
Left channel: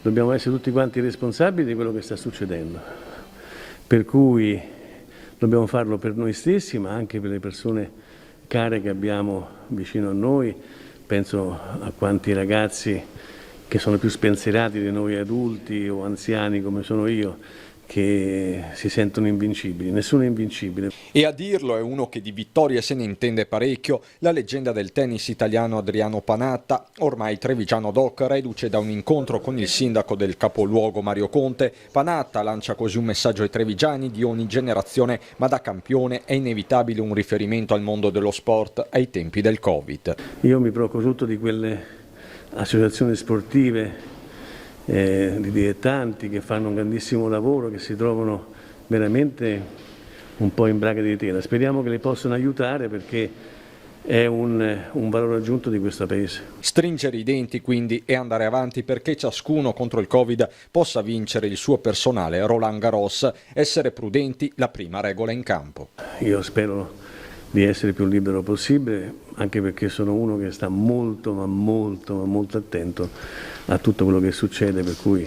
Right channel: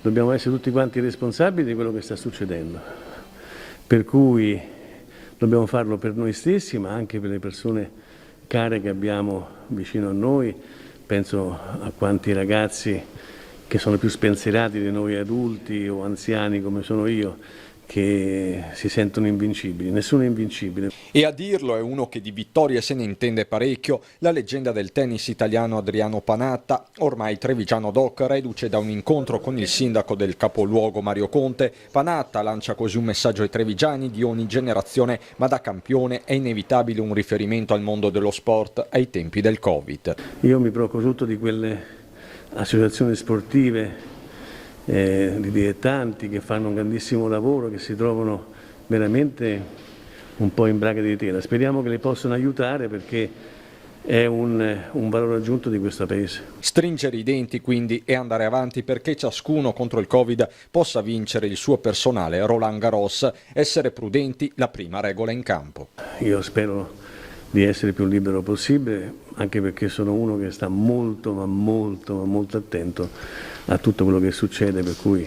dobbiamo essere tutti quanti responsabili di quello che sta succedendo, per cui dobbiamo farlo per noi stessi, ma anche per le persone care che abbiamo vicino a noi. Penso a quanti ragazzi che sono più spensierati di noi adulti o anziani come sono io, che si sentono invincibili, nessuno è invincibile. E a dirlo è uno che di vittorie se ne intende parecchio, la leggenda del tennis italiano Adriano Panatta, ormai trevigiano doc, reduce da un incontro con il sindaco del capoluogo Mario Conte. Panatta lancia così un messaggio ai trevigiani di ogni generazione, ma da campione è inevitabile un riferimento al mondo dello sport ai tempi del Covid. Io mi preoccupo tutto di quelle associazioni sportive, di dilettanti che fanno un grandissimo lavoro, che si trovano veramente un po' in braga di tela. Speriamo che le possano aiutare, perché è un valore aggiunto di questo Paese. Stringere i denti quindi e andare avanti perché ciascuno contro il Covid possa vincere il suo personale Roland Garros. Essere prudenti, la prima regola in campo. Io spero di essere il più libero possibile, anche perché sono uno che sta molto attento a tutto quello che succede, per cui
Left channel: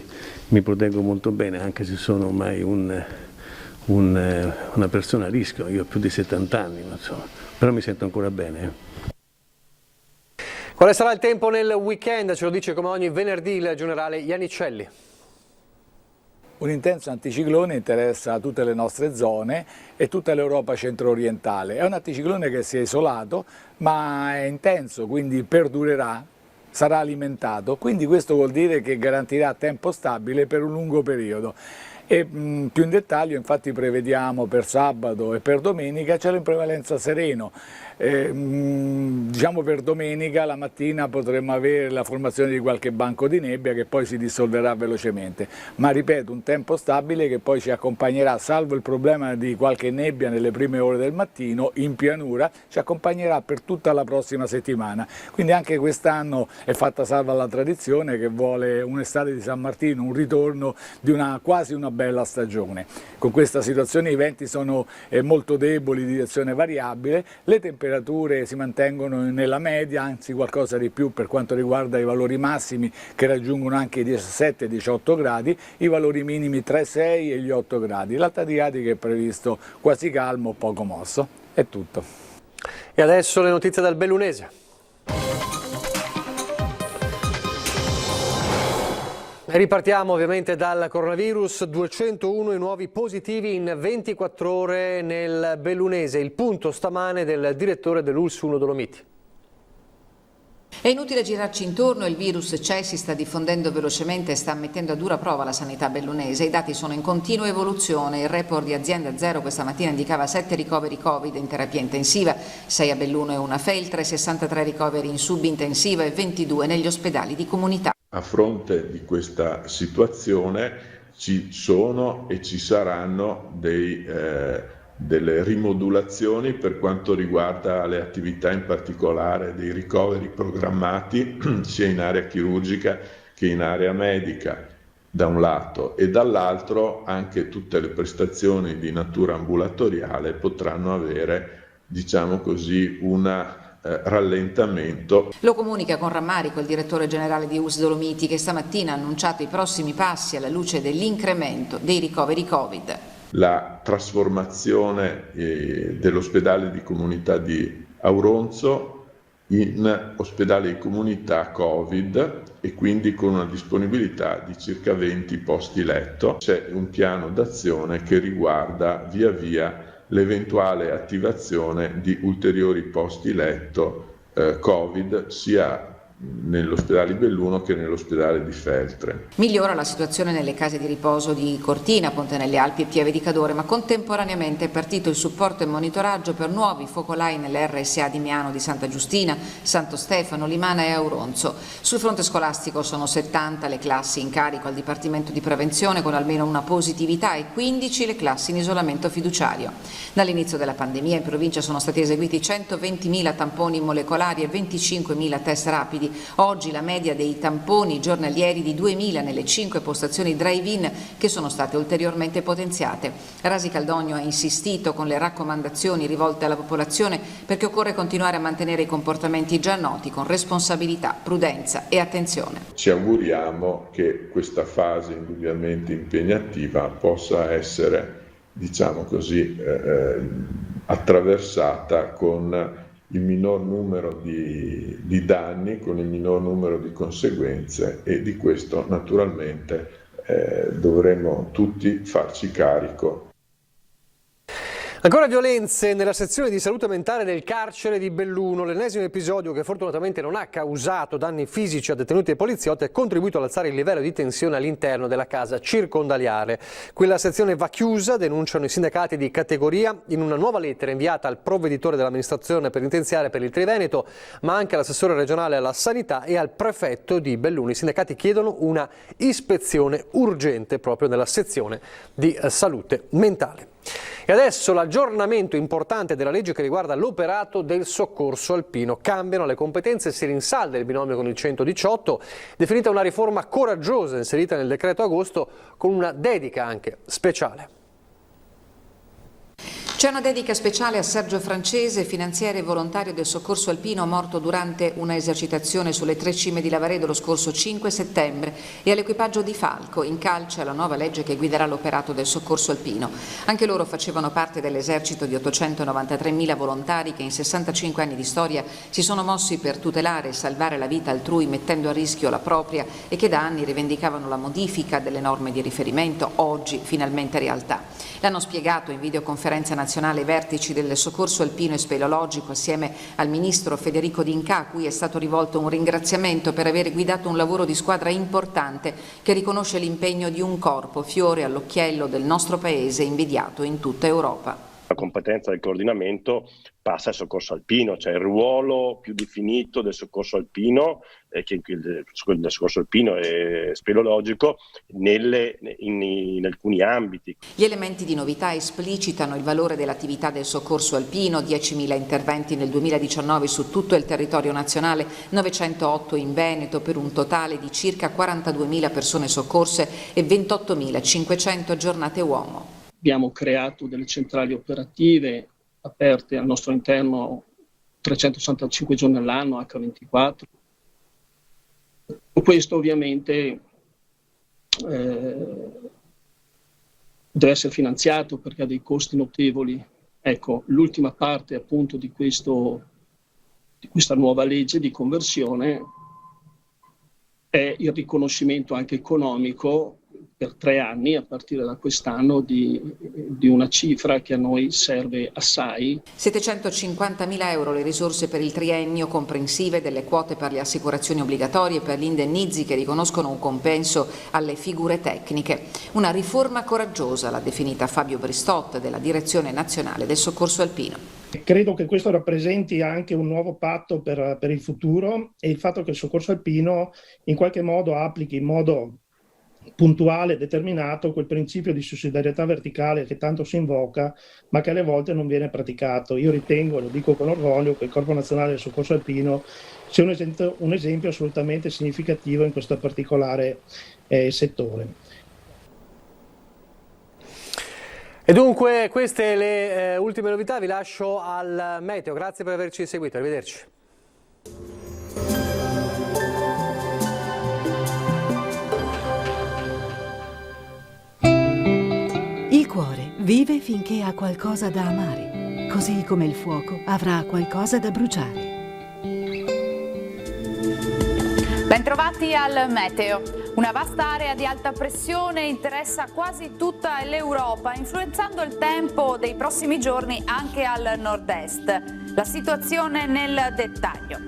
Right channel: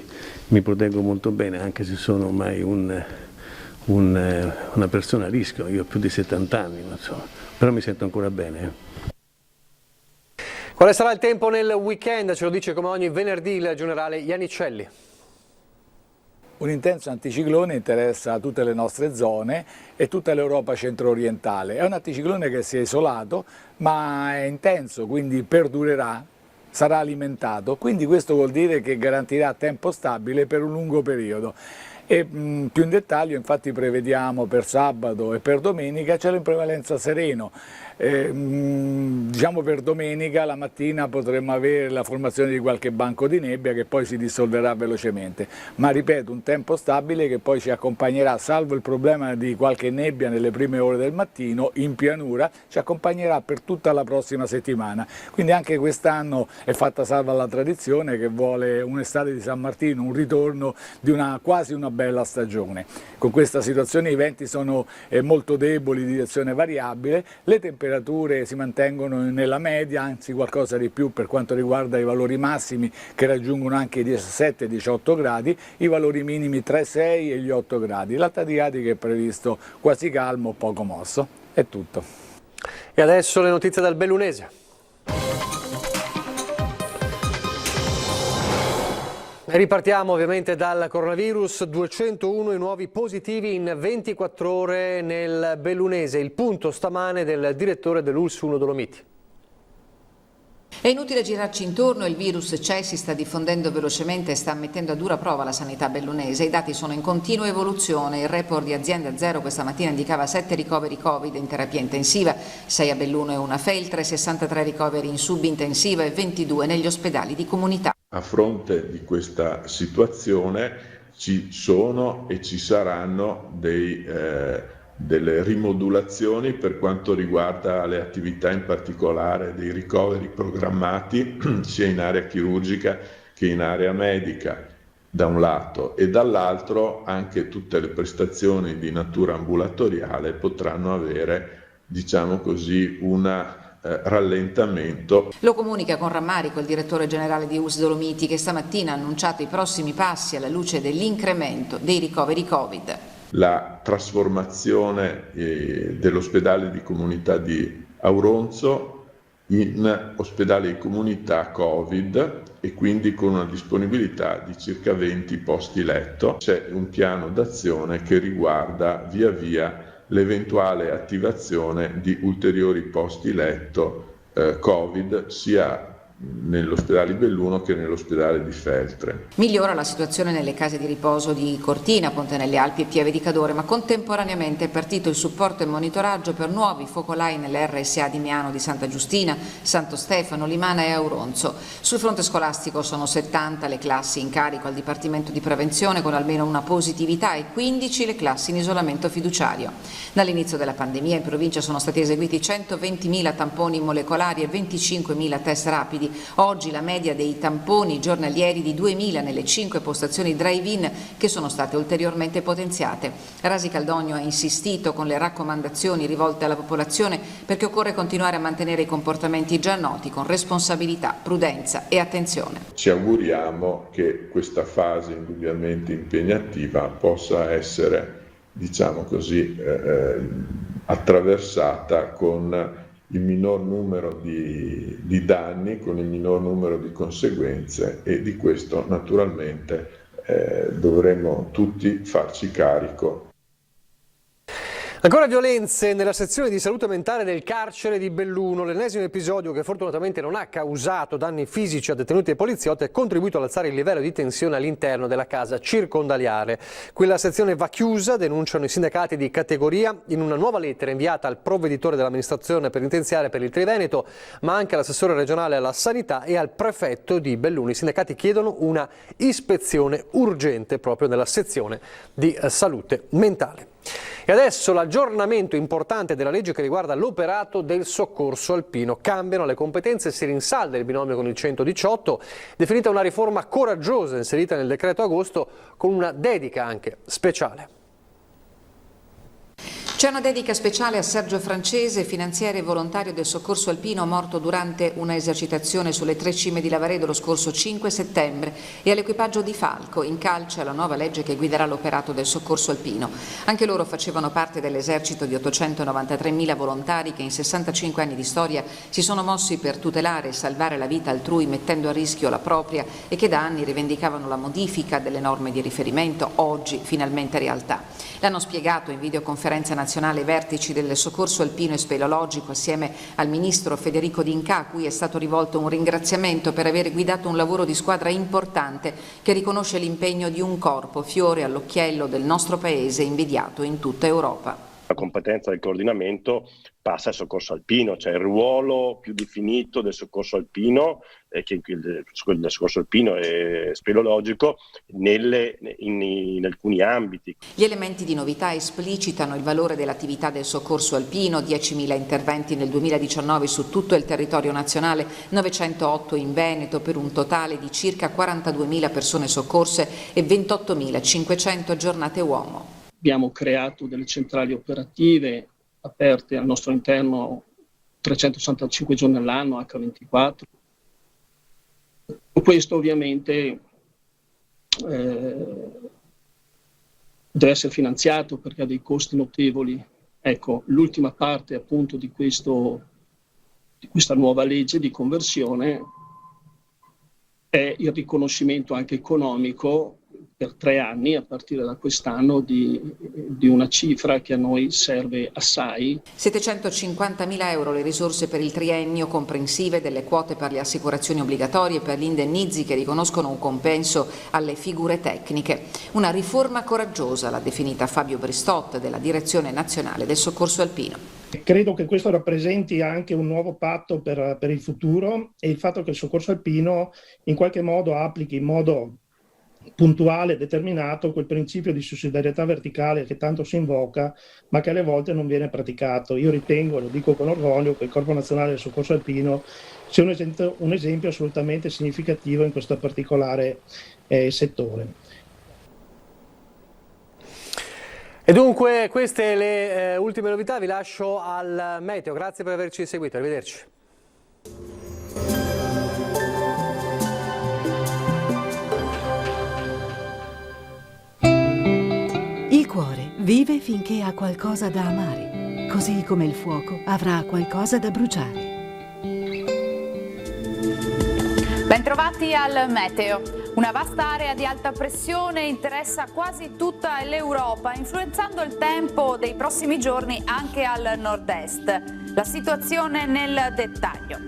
mi proteggo molto bene, anche se sono ormai una persona a rischio. Io ho più di 70 anni, insomma, però mi sento ancora bene. Quale sarà il tempo nel weekend? Ce lo dice come ogni venerdì il generale Iannicelli. Un intenso anticiclone interessa tutte le nostre zone e tutta l'Europa centro-orientale. È un anticiclone che si è isolato, ma è intenso, quindi perdurerà, sarà alimentato. Quindi questo vuol dire che garantirà tempo stabile per un lungo periodo. E più in dettaglio, infatti, prevediamo per sabato e per domenica cielo in prevalenza sereno. Diciamo per domenica la mattina potremmo avere la formazione di qualche banco di nebbia che poi si dissolverà velocemente, ma ripeto, un tempo stabile che poi ci accompagnerà, salvo il problema di qualche nebbia nelle prime ore del mattino in pianura, ci accompagnerà per tutta la prossima settimana. Quindi anche quest'anno è fatta salva la tradizione che vuole un'estate di San Martino, un ritorno di quasi una bella stagione. Con questa situazione i venti sono molto deboli, di direzione variabile, le temperature si mantengono nella media, anzi qualcosa di più per quanto riguarda i valori massimi, che raggiungono anche i 17-18 gradi, i valori minimi tra i 6 e gli 8 gradi. L'Alta Adriatica è previsto quasi calmo, poco mosso. È tutto. E adesso le notizie dal Bellunese. E ripartiamo ovviamente dal coronavirus, 201 i nuovi positivi in 24 ore nel Bellunese, il punto stamane del direttore dell'ULSS 1 Dolomiti. È inutile girarci intorno, il virus c'è, si sta diffondendo velocemente e sta mettendo a dura prova la sanità bellunese. I dati sono in continua evoluzione. Il report di Azienda Zero questa mattina indicava 7 ricoveri Covid in terapia intensiva, 6 a Belluno e 1 a Feltre, 63 ricoveri in subintensiva e 22 negli ospedali di comunità. A fronte di questa situazione ci sono e ci saranno delle rimodulazioni per quanto riguarda le attività, in particolare dei ricoveri programmati sia in area chirurgica che in area medica da un lato, e dall'altro anche tutte le prestazioni di natura ambulatoriale potranno avere, diciamo così, un rallentamento. Lo comunica con rammarico il direttore generale di ULSS Dolomiti, che stamattina ha annunciato i prossimi passi alla luce dell'incremento dei ricoveri Covid. La trasformazione dell'ospedale di comunità di Auronzo in ospedale di comunità Covid, e quindi con una disponibilità di circa 20 posti letto. C'è un piano d'azione che riguarda via via l'eventuale attivazione di ulteriori posti letto Covid sia nell'ospedale di Belluno che nell'ospedale di Feltre. Migliora la situazione nelle case di riposo di Cortina, Ponte nelle Alpi e Pieve di Cadore, ma contemporaneamente è partito il supporto e monitoraggio per nuovi focolai nelle RSA di Miano di Santa Giustina, Santo Stefano, Limana e Auronzo. Sul fronte scolastico sono 70 le classi in carico al Dipartimento di Prevenzione con almeno una positività e 15 le classi in isolamento fiduciario. Dall'inizio della pandemia in provincia sono stati eseguiti 120.000 tamponi molecolari e 25.000 test rapidi. Oggi la media dei tamponi giornalieri di 2.000 nelle 5 postazioni drive-in che sono state ulteriormente potenziate. Rasi Caldogno ha insistito con le raccomandazioni rivolte alla popolazione perché occorre continuare a mantenere i comportamenti già noti con responsabilità, prudenza e attenzione. Ci auguriamo che questa fase indubbiamente impegnativa possa essere, diciamo così, attraversata con il minor numero di danni, con il minor numero di conseguenze, e di questo naturalmente dovremmo tutti farci carico. Ancora violenze nella sezione di salute mentale del carcere di Belluno. L'ennesimo episodio, che fortunatamente non ha causato danni fisici a detenuti e poliziotti, ha contribuito ad alzare il livello di tensione all'interno della casa circondariale. Quella sezione va chiusa, denunciano i sindacati di categoria, in una nuova lettera inviata al provveditore dell'amministrazione penitenziaria per il Triveneto, ma anche all'assessore regionale alla sanità e al prefetto di Belluno. I sindacati chiedono una ispezione urgente proprio nella sezione di salute mentale. E adesso l'aggiornamento importante della legge che riguarda l'operato del soccorso alpino. Cambiano le competenze e si rinsalda il binomio con il 118, definita una riforma coraggiosa inserita nel decreto agosto con una dedica anche speciale. C'è una dedica speciale a Sergio Francese, finanziere e volontario del soccorso alpino morto durante una esercitazione sulle 3 cime di Lavaredo lo scorso 5 settembre e all'equipaggio di Falco, in calce alla nuova legge che guiderà l'operato del soccorso alpino. Anche loro facevano parte dell'esercito di 893.000 volontari che in 65 anni di storia si sono mossi per tutelare e salvare la vita altrui mettendo a rischio la propria e che da anni rivendicavano la modifica delle norme di riferimento, oggi finalmente realtà. L'hanno spiegato in videoconferenza nazionale i vertici del soccorso alpino e speleologico assieme al ministro Federico D'Inca, a cui è stato rivolto un ringraziamento per aver guidato un lavoro di squadra importante che riconosce l'impegno di un corpo, fiore all'occhiello del nostro paese, invidiato in tutta Europa. La competenza del coordinamento passa al soccorso alpino, cioè il ruolo più definito del soccorso alpino, del soccorso alpino e speleologico in alcuni ambiti. Gli elementi di novità esplicitano il valore dell'attività del soccorso alpino, 10.000 interventi nel 2019 su tutto il territorio nazionale, 908 in Veneto, per un totale di circa 42.000 persone soccorse e 28.500 giornate uomo. Abbiamo creato delle centrali operative aperte al nostro interno 365 giorni all'anno, H24. Questo ovviamente deve essere finanziato perché ha dei costi notevoli. Ecco, l'ultima parte appunto di questa nuova legge di conversione è il riconoscimento anche economico per 3 anni, a partire da quest'anno, di una cifra che a noi serve assai. 750.000 euro le risorse per il triennio, comprensive delle quote per le assicurazioni obbligatorie e per gli indennizi che riconoscono un compenso alle figure tecniche. Una riforma coraggiosa, l'ha definita Fabio Bristot della Direzione Nazionale del Soccorso Alpino. Credo che questo rappresenti anche un nuovo patto per il futuro, e il fatto che il soccorso alpino in qualche modo applichi in modo puntuale e determinato quel principio di sussidiarietà verticale che tanto si invoca ma che alle volte non viene praticato. Io ritengo, e lo dico con orgoglio, che il Corpo Nazionale del Soccorso Alpino sia un esempio assolutamente significativo in questo particolare settore. E dunque queste le ultime novità, vi lascio al meteo, grazie per averci seguito, arrivederci. Il cuore vive finché ha qualcosa da amare, così come il fuoco avrà qualcosa da bruciare. Bentrovati al meteo. Una vasta area di alta pressione interessa quasi tutta l'Europa, influenzando il tempo dei prossimi giorni anche al nord-est. La situazione nel dettaglio.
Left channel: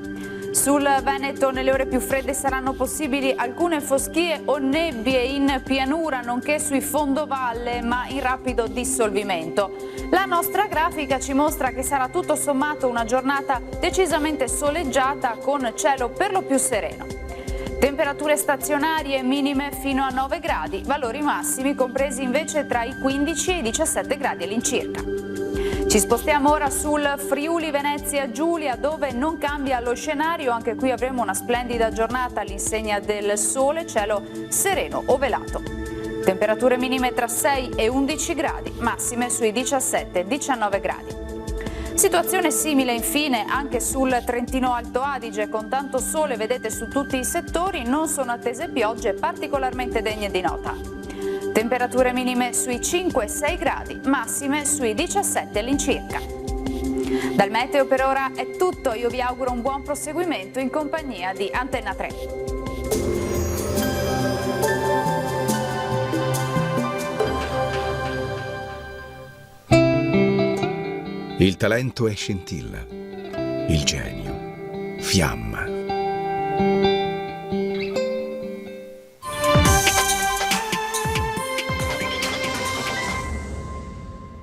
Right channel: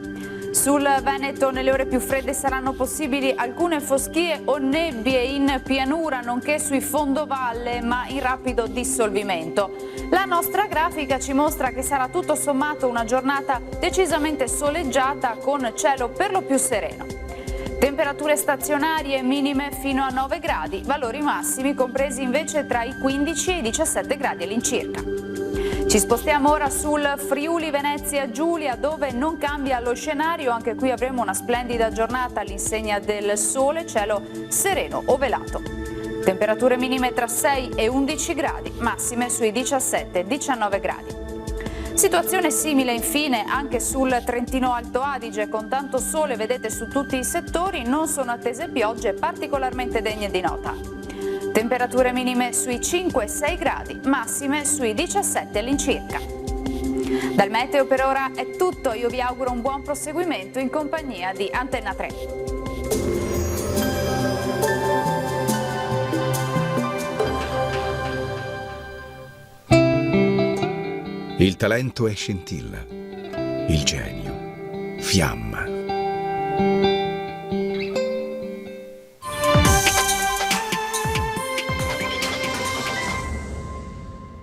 Sul Veneto nelle ore più fredde saranno possibili alcune foschie o nebbie in pianura, nonché sui fondovalle, ma in rapido dissolvimento. La nostra grafica ci mostra che sarà tutto sommato una giornata decisamente soleggiata con cielo per lo più sereno. Temperature stazionarie minime fino a 9 gradi, valori massimi compresi invece tra i 15 e i 17 gradi all'incirca. Ci spostiamo ora sul Friuli Venezia Giulia, dove non cambia lo scenario, anche qui avremo una splendida giornata all'insegna del sole, cielo sereno o velato. Temperature minime tra 6 e 11 gradi, massime sui 17-19 gradi. Situazione simile infine anche sul Trentino Alto Adige, con tanto sole vedete su tutti i settori, non sono attese piogge particolarmente degne di nota. Temperature minime sui 5-6 gradi, massime sui 17 all'incirca. Dal meteo per ora è tutto, io vi auguro un buon proseguimento in compagnia di Antenna 3. Il talento è scintilla, il genio, fiamma.